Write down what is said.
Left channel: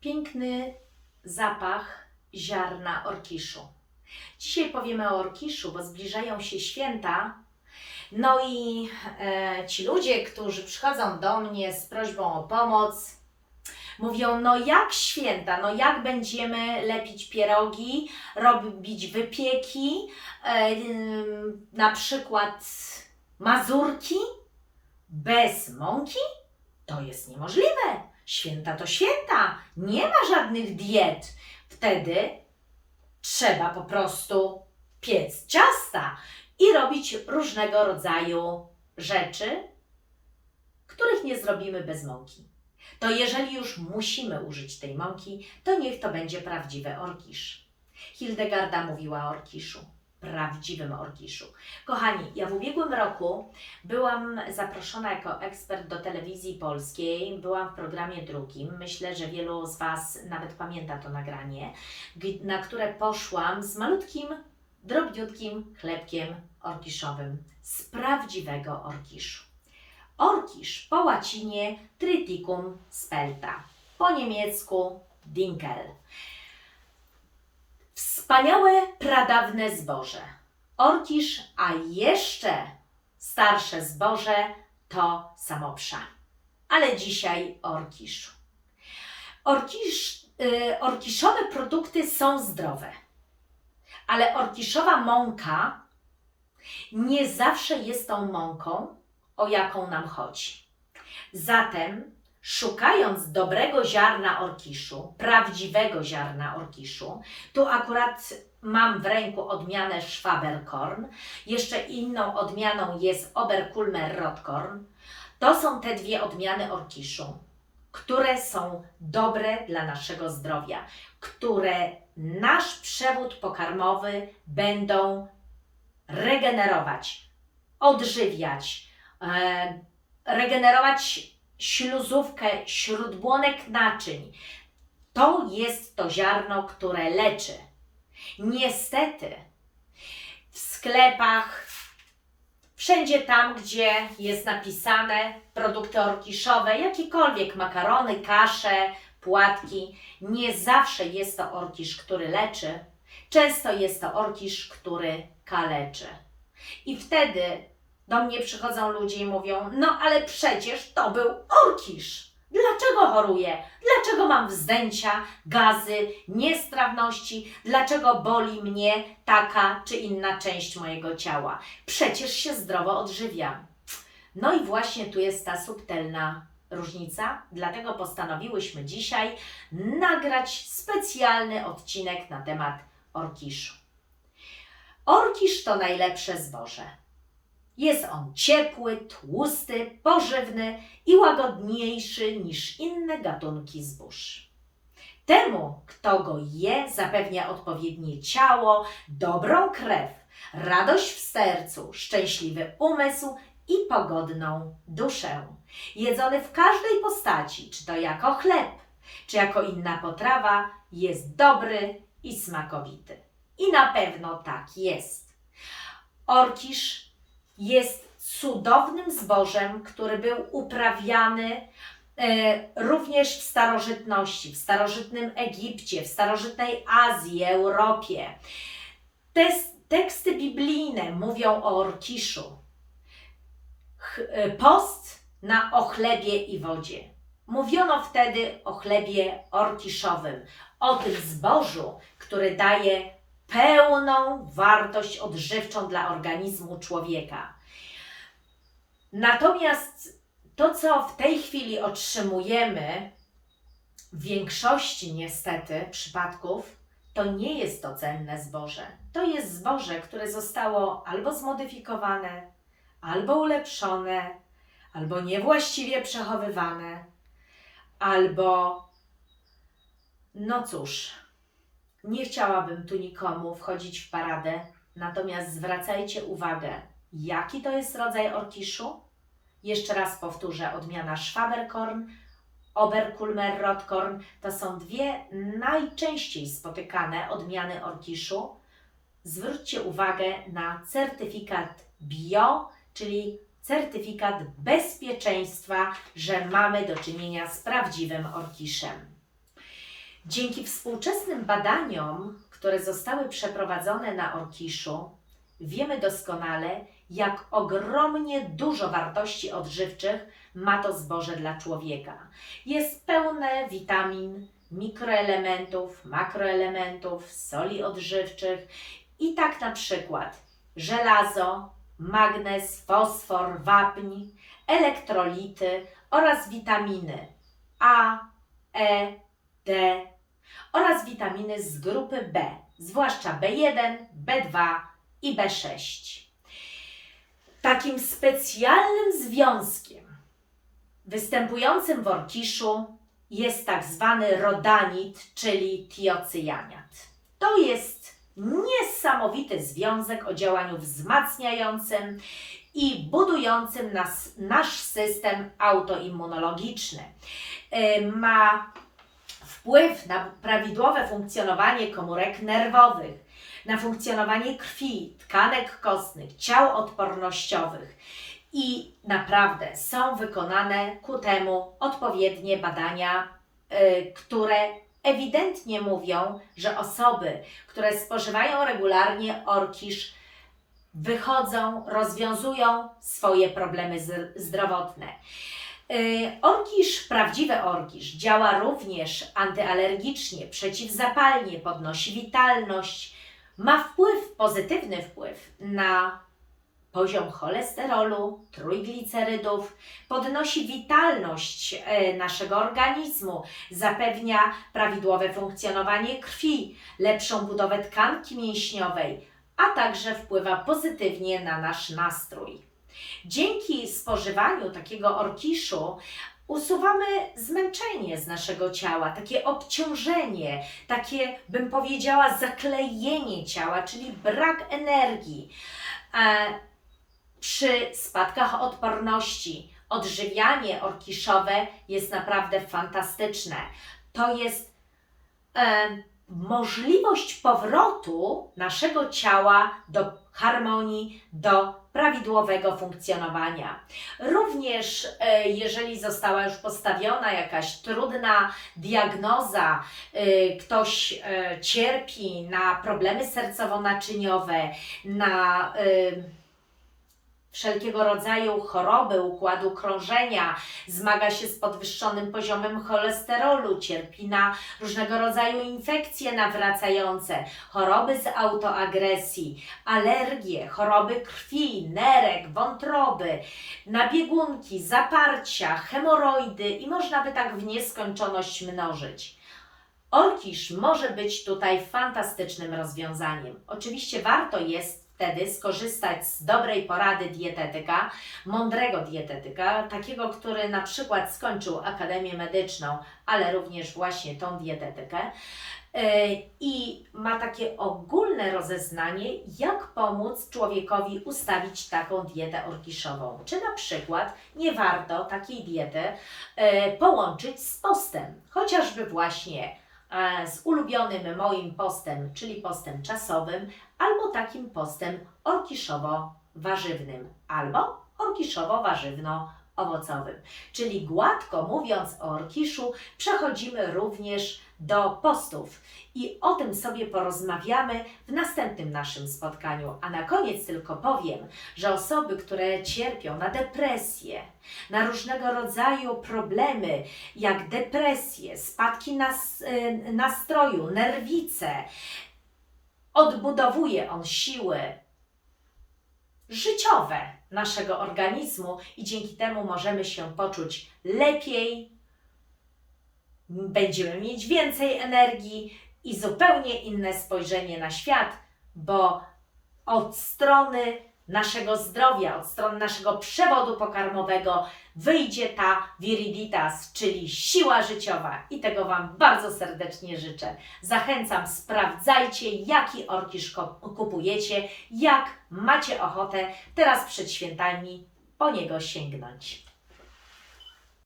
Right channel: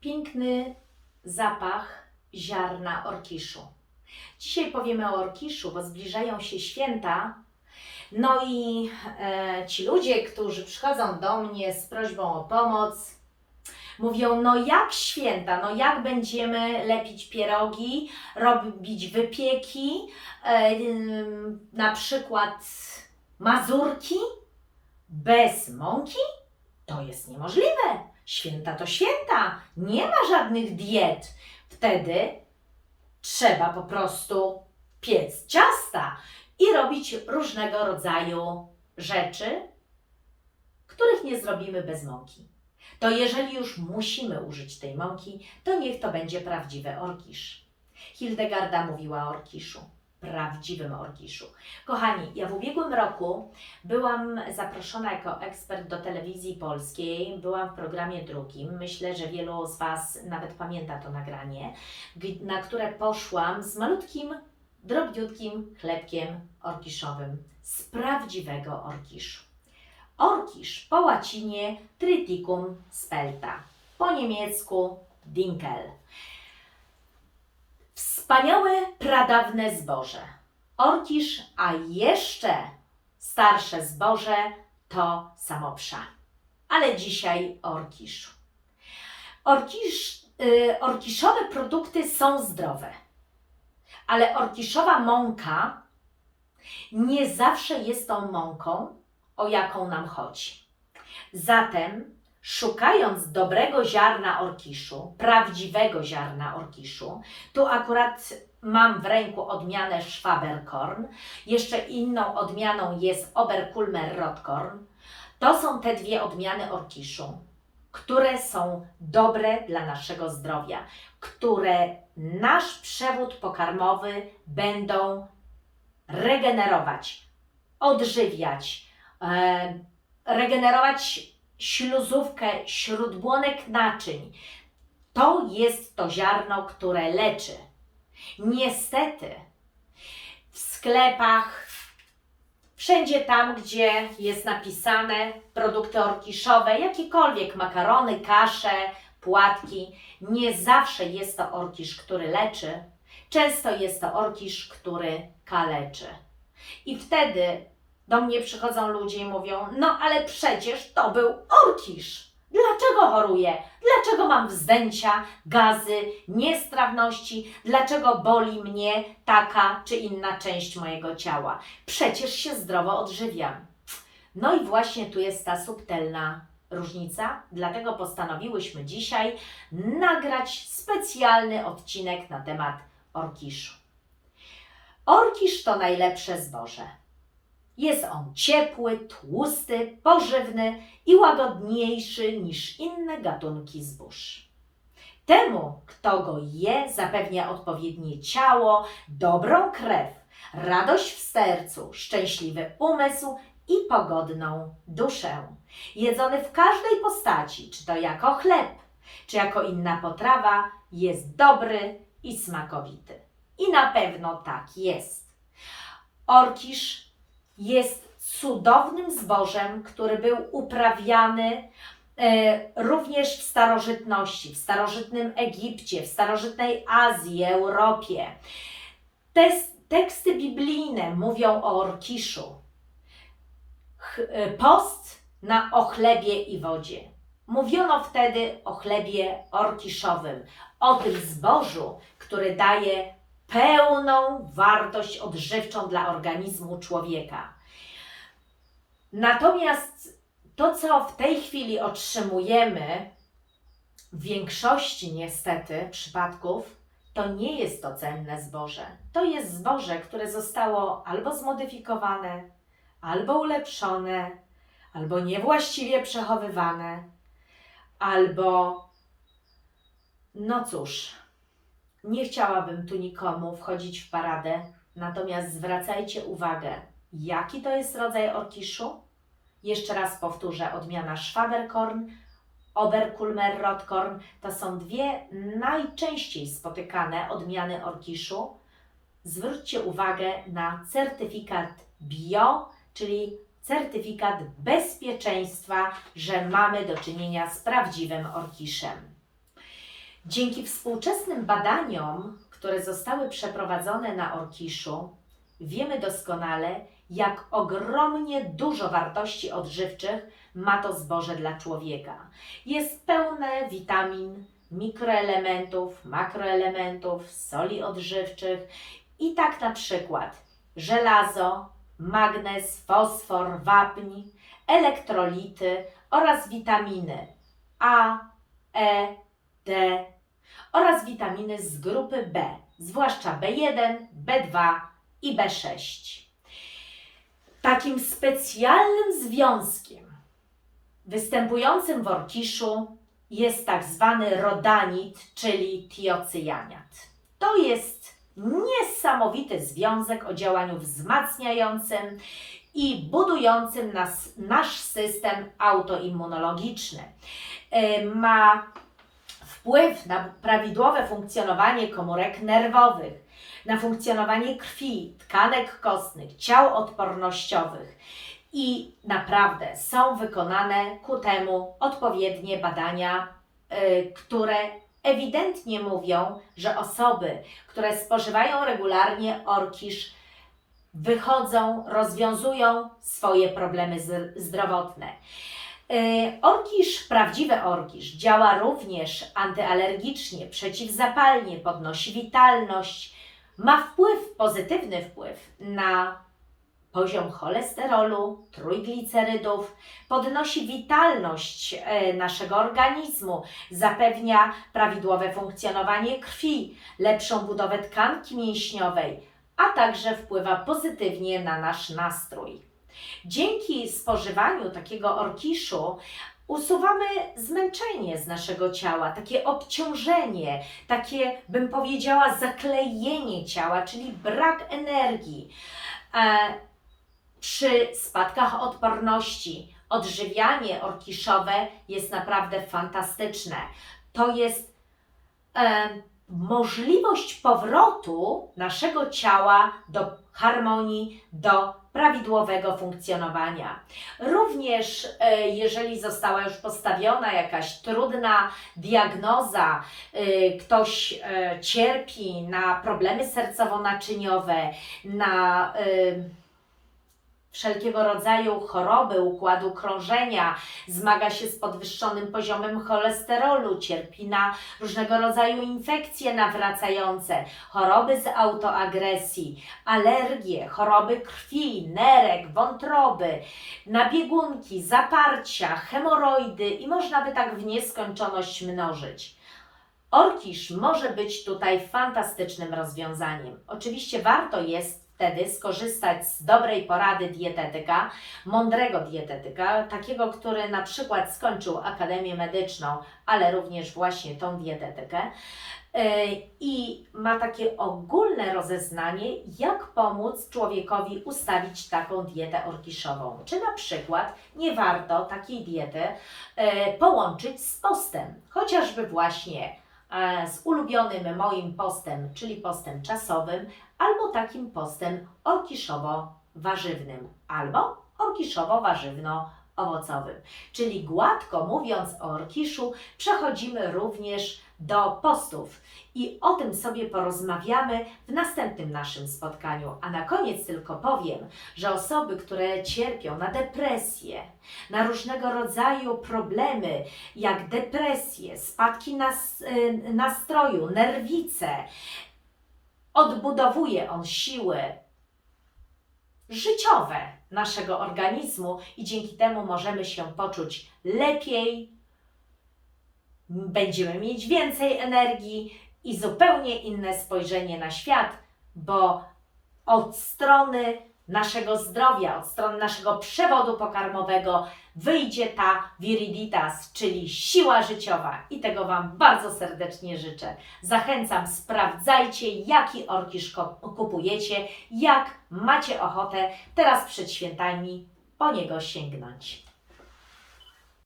piękny zapach ziarna orkiszu. Dzisiaj powiemy o orkiszu, bo zbliżają się święta. No i e, ci ludzie, którzy przychodzą do mnie z prośbą o pomoc, mówią: No, jak święta, no, jak będziemy lepić pierogi, robić wypieki, e, na przykład mazurki bez mąki? To jest niemożliwe. Święta to święta. Nie ma żadnych diet. Wtedy trzeba po prostu piec ciasta i robić różnego rodzaju rzeczy, których nie zrobimy bez mąki. To jeżeli już musimy użyć tej mąki, to niech to będzie prawdziwy orkisz. Hildegarda mówiła o orkiszu, prawdziwym orkiszu. Kochani, ja w ubiegłym roku byłam zaproszona jako ekspert do telewizji polskiej, byłam w programie drugim. Myślę, że wielu z Was nawet pamięta to nagranie, na które poszłam z malutkim, drobniutkim chlebkiem orkiszowym z prawdziwego orkiszu. Orkisz po łacinie Triticum spelta, po niemiecku Dinkel. Wspaniałe, pradawne zboże. Orkisz, a jeszcze starsze zboże to samopsza. Ale dzisiaj o orkiszu. Orkisz, y, orkiszowe produkty są zdrowe, ale orkiszowa mąka nie zawsze jest tą mąką, o jaką nam chodzi. Zatem, szukając dobrego ziarna orkiszu, prawdziwego ziarna orkiszu, tu akurat mam w ręku odmianę Schwaberkorn, jeszcze inną odmianą jest Oberkulmer Rotkorn. To są te dwie odmiany orkiszu, które są dobre dla naszego zdrowia, które nasz przewód pokarmowy będą regenerować, odżywiać, e, regenerować śluzówkę śródbłonek naczyń. To jest to ziarno, które leczy. Niestety w sklepach, wszędzie tam, gdzie jest napisane produkty orkiszowe, jakiekolwiek makarony, kasze, płatki, nie zawsze jest to orkisz, który leczy. Często jest to orkisz, który kaleczy. I wtedy do mnie przychodzą ludzie i mówią: No, ale przecież to był orkisz. Dlaczego choruję? Dlaczego mam wzdęcia, gazy, niestrawności? Dlaczego boli mnie taka czy inna część mojego ciała? Przecież się zdrowo odżywiam. No i właśnie tu jest ta subtelna różnica, dlatego postanowiłyśmy dzisiaj nagrać specjalny odcinek na temat orkiszu. Orkisz to najlepsze zboże. Jest on ciepły, tłusty, pożywny i łagodniejszy niż inne gatunki zbóż. Temu, kto go je, zapewnia odpowiednie ciało, dobrą krew, radość w sercu, szczęśliwy umysł i pogodną duszę. Jedzony w każdej postaci, czy to jako chleb, czy jako inna potrawa, jest dobry i smakowity. I na pewno tak jest. Orkisz jest cudownym zbożem, który był uprawiany e, również w starożytności, w starożytnym Egipcie, w starożytnej Azji, Europie. Te teksty biblijne mówią o orkiszu. E, Post na o chlebie i wodzie. Mówiono wtedy o chlebie orkiszowym, o tym zbożu, który daje pełną wartość odżywczą dla organizmu człowieka. Natomiast to, co w tej chwili otrzymujemy, w większości niestety przypadków, to nie jest to cenne zboże. To jest zboże, które zostało albo zmodyfikowane, albo ulepszone, albo niewłaściwie przechowywane, albo no cóż, nie chciałabym tu nikomu wchodzić w paradę, natomiast zwracajcie uwagę, jaki to jest rodzaj orkiszu. Jeszcze raz powtórzę, odmiana Schwaberkorn, Oberkulmer Rotkorn to są dwie najczęściej spotykane odmiany orkiszu. Zwróćcie uwagę na certyfikat bio, czyli certyfikat bezpieczeństwa, że mamy do czynienia z prawdziwym orkiszem. Dzięki współczesnym badaniom, które zostały przeprowadzone na Orkiszu, wiemy doskonale, jak ogromnie dużo wartości odżywczych ma to zboże dla człowieka. Jest pełne witamin, mikroelementów, makroelementów, soli odżywczych i tak na przykład żelazo, magnez, fosfor, wapń, elektrolity oraz witaminy A, E, D oraz witaminy z grupy B, zwłaszcza B1, B2 i B6. Takim specjalnym związkiem występującym w orkiszu jest tak zwany rodanit, czyli tiocyjaniat. To jest niesamowity związek o działaniu wzmacniającym i budującym nas, nasz system autoimmunologiczny. E, Ma wpływ na prawidłowe funkcjonowanie komórek nerwowych, na funkcjonowanie krwi, tkanek kostnych, ciał odpornościowych. I naprawdę są wykonane ku temu odpowiednie badania, y, które ewidentnie mówią, że osoby, które spożywają regularnie orkisz, wychodzą, rozwiązują swoje problemy zdrowotne. Y, Orkisz, prawdziwy orkisz, działa również antyalergicznie, przeciwzapalnie, podnosi witalność, ma wpływ, pozytywny wpływ na poziom cholesterolu, trójglicerydów, podnosi witalność e, naszego organizmu, zapewnia prawidłowe funkcjonowanie krwi, lepszą budowę tkanki mięśniowej, a także wpływa pozytywnie na nasz nastrój. Dzięki spożywaniu takiego orkiszu usuwamy zmęczenie z naszego ciała, takie obciążenie, takie, bym powiedziała, zaklejenie ciała, czyli brak energii. E, przy spadkach odporności odżywianie orkiszowe jest naprawdę fantastyczne. To jest e, możliwość powrotu naszego ciała do harmonii, do prawidłowego funkcjonowania. Również e, jeżeli została już postawiona jakaś trudna diagnoza, e, ktoś e, cierpi na problemy sercowo-naczyniowe, na wszelkiego rodzaju choroby układu krążenia, zmaga się z podwyższonym poziomem cholesterolu, cierpi na różnego rodzaju infekcje nawracające, choroby z autoagresji, alergie, choroby krwi, nerek, wątroby, nabiegunki, zaparcia, hemoroidy i można by tak w nieskończoność mnożyć. Orkisz może być tutaj fantastycznym rozwiązaniem. Oczywiście warto jest wtedy skorzystać z dobrej porady dietetyka, mądrego dietetyka, takiego, który na przykład skończył Akademię Medyczną, ale również właśnie tą dietetykę yy, i ma takie ogólne rozeznanie, jak pomóc człowiekowi ustawić taką dietę orkiszową. Czy na przykład nie warto takiej diety yy, połączyć z postem, chociażby właśnie e, z ulubionym moim postem, czyli postem czasowym, albo takim postem orkiszowo-warzywnym, albo orkiszowo-warzywno-owocowym. Czyli gładko mówiąc o orkiszu, przechodzimy również do postów i o tym sobie porozmawiamy w następnym naszym spotkaniu. A na koniec tylko powiem, że osoby, które cierpią na depresję, na różnego rodzaju problemy, jak depresję, spadki nas, y, nastroju, nerwice, odbudowuje on siły życiowe naszego organizmu i dzięki temu możemy się poczuć lepiej, będziemy mieć więcej energii i zupełnie inne spojrzenie na świat, bo od strony naszego zdrowia, od strony naszego przewodu pokarmowego wyjdzie ta viriditas, czyli siła życiowa i tego Wam bardzo serdecznie życzę. Zachęcam, sprawdzajcie jaki orkisz kupujecie, jak macie ochotę teraz przed świętami po niego sięgnąć.